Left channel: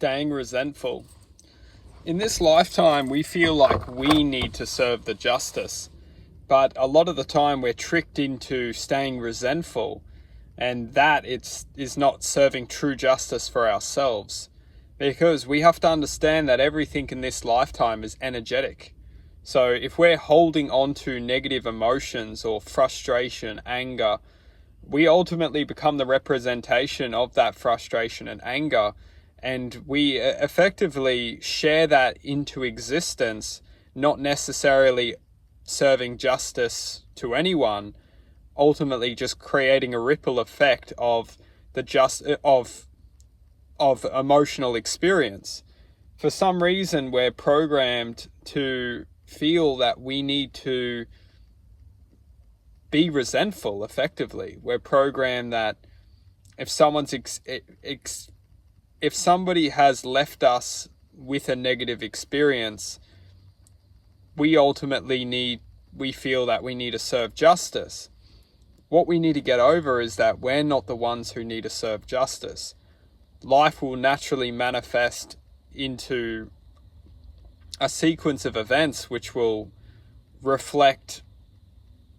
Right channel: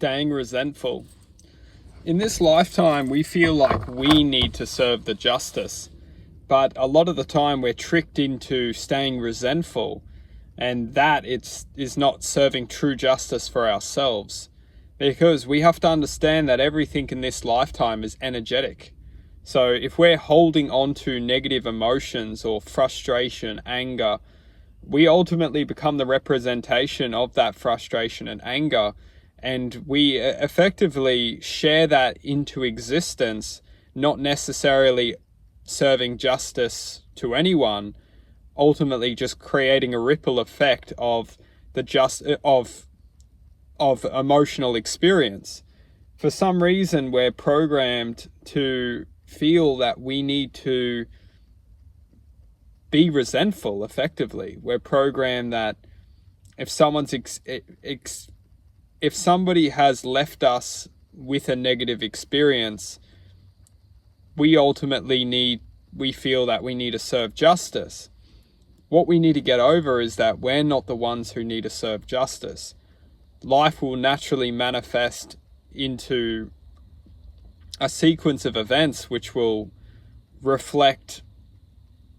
Staying resentful. In this lifetime, we feel like we need to serve the justice, but a lot of the time we're tricked into staying resentful, and that is not serving true justice for ourselves. Because we have to understand that everything in this lifetime is energetic. So if we're holding on to negative emotions or frustration, anger, we ultimately become the representation of that frustration and anger, and we effectively share that into existence, not necessarily serving justice to anyone, ultimately just creating a ripple effect of emotional experience. For some reason, we're programmed to feel that we need to be resentful. Effectively, we're programmed that if if somebody has left us with a negative experience, we feel that we need to serve justice. What we need to get over is that we're not the ones who need to serve justice. Life will naturally manifest into a sequence of events which will reflect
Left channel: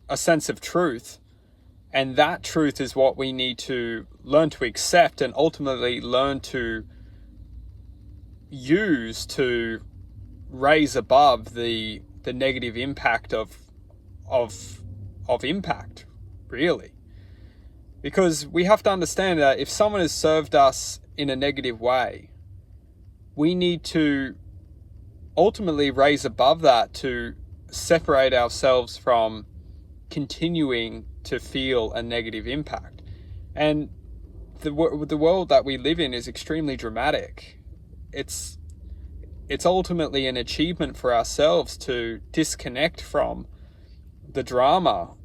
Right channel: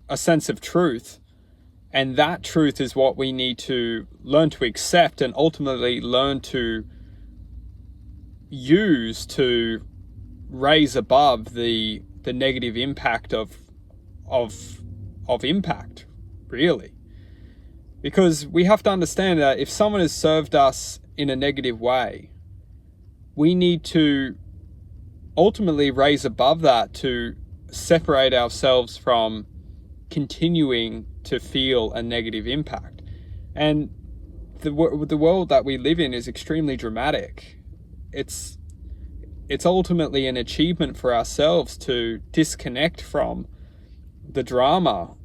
a sense of truth, and that truth is what we need to learn to accept and ultimately learn to use to raise above the negative impact of impact, really. Because we have to understand that if someone has served us in a negative way, we need to ultimately raise above that to separate ourselves from continuing to feel a negative impact. And the world that we live in is extremely dramatic. It's ultimately an achievement for ourselves to disconnect from the drama.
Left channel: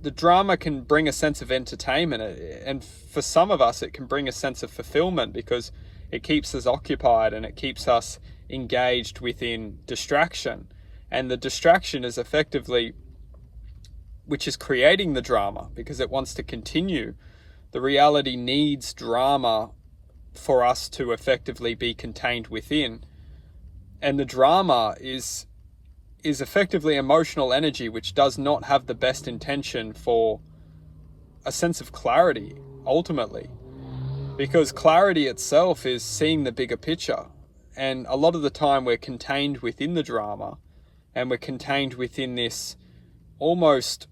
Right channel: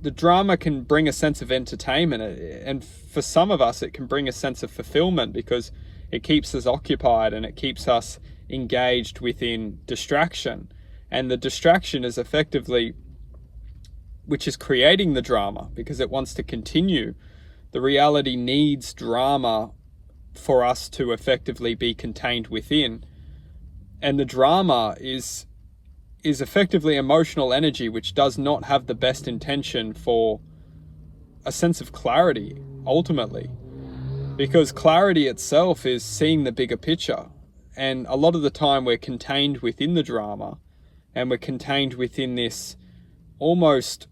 The drama can bring a sense of entertainment, and for some of us it can bring a sense of fulfillment because it keeps us occupied and it keeps us engaged within distraction. And the distraction is effectively which is creating the drama because it wants to continue. The reality needs drama for us to effectively be contained within. And the drama is effectively emotional energy which does not have the best intention for a sense of clarity, ultimately. Because clarity itself is seeing the bigger picture. And a lot of the time we're contained within the drama, and we're contained within this almost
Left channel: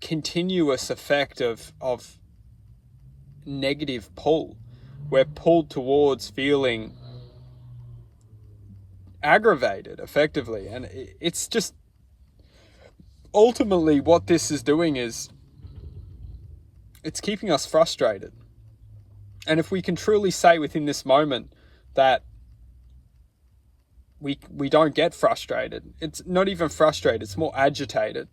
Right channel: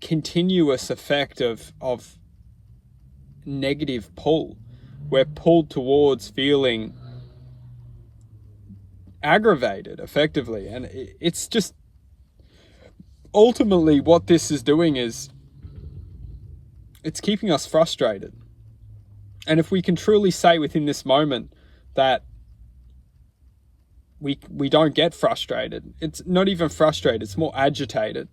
continuous effect of negative pull. We're pulled towards feeling aggravated, effectively. And it's just ultimately what this is doing is it's keeping us frustrated. And if we can truly say within this moment that we don't get frustrated, it's not even frustrated, it's more agitated.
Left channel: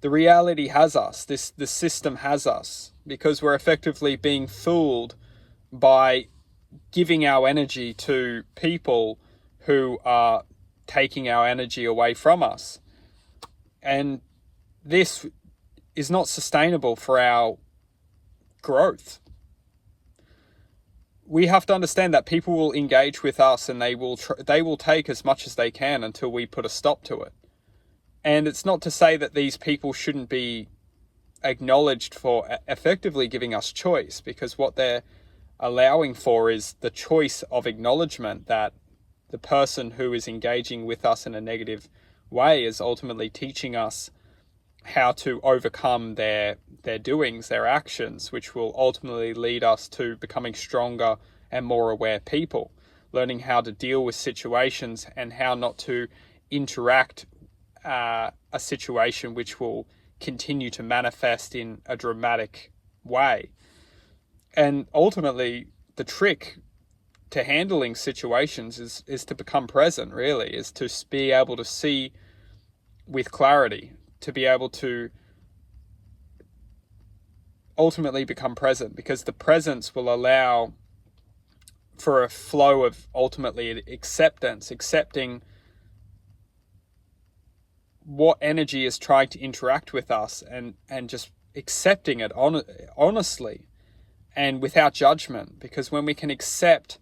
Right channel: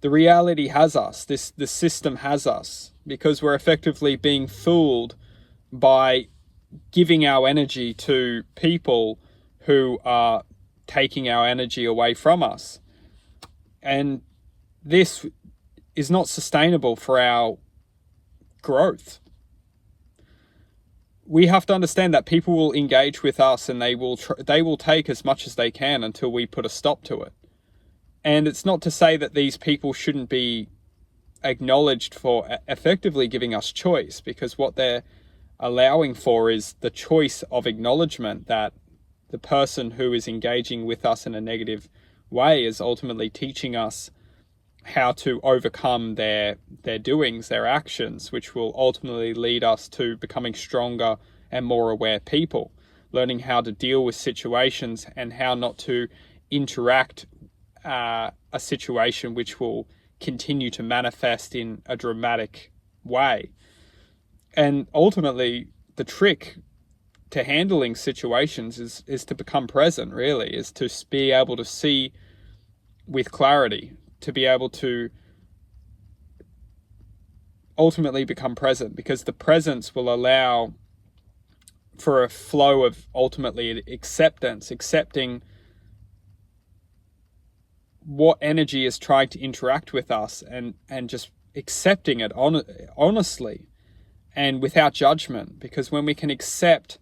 The reality has us, the system has us, because we're effectively being fooled by giving our energy to people who are taking our energy away from us. And this is not sustainable for our growth. We have to understand that people will engage with us and they will take as much as they can until we put a stop to it. And it's not to say that these people shouldn't be acknowledged for effectively giving us choice, because what they're allowing for is the choice of acknowledgement that the person who is engaging with us in a negative way is ultimately teaching us how to overcome their doings, their actions, which will ultimately lead us to becoming stronger and more aware people, learning how to deal with situations and how not to interact a situation which will continue to manifest in a dramatic way. And ultimately, the trick to handling situations is to become present, really, is to be able to see with clarity, to be able to ultimately become present, because the presence will allow for a flow of ultimately acceptance, accepting what energy is trying to interact with us and just accepting it honestly. and without judgment, because when we can accept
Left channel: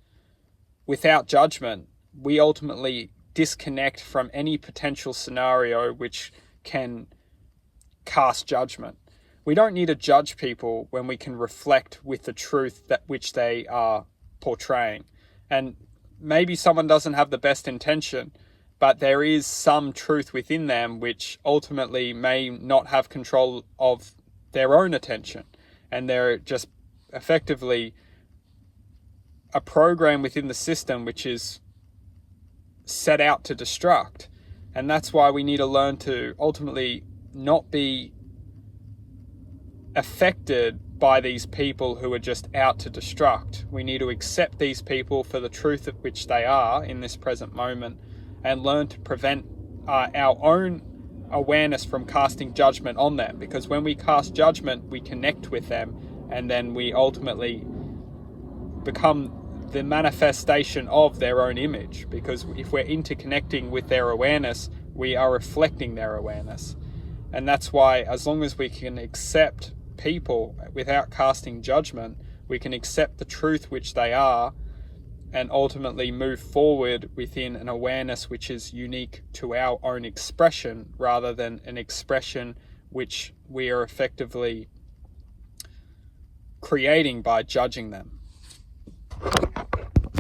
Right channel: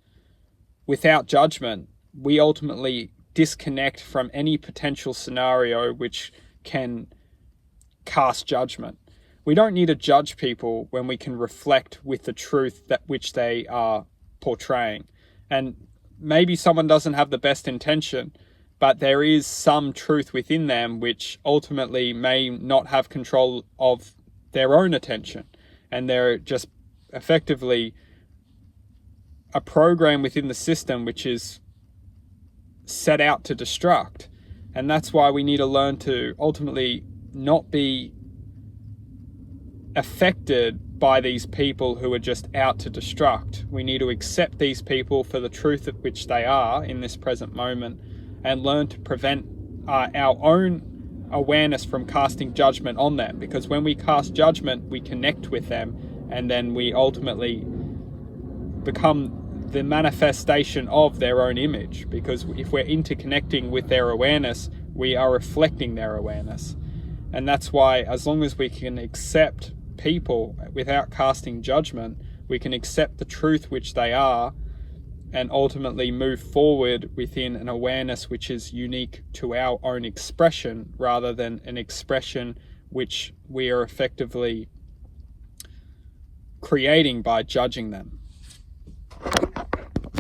without judgment, we ultimately disconnect from any potential scenario which can cast judgment. We don't need to judge people when we can reflect with the truth that which they are portraying. And maybe someone doesn't have the best intention, but there is some truth within them which ultimately may not have control of their own attention, and they're just effectively a program within the system which is set out to destruct. And that's why we need to learn to ultimately not be affected by these people who are just out to destruct. We need to accept these people for the truth of which they are in this present moment, and learn to prevent our own awareness from casting judgment on them, because when we cast judgment, we connect with them, and then we ultimately become the manifestation of their own image, because if we're interconnecting with their awareness, we are reflecting their awareness. And that's why, as long as we can accept people without casting judgment, we can accept the truth which they are, and ultimately move forward within an awareness which is unique to our own expression, rather than an expression which we are effectively creating by judging them.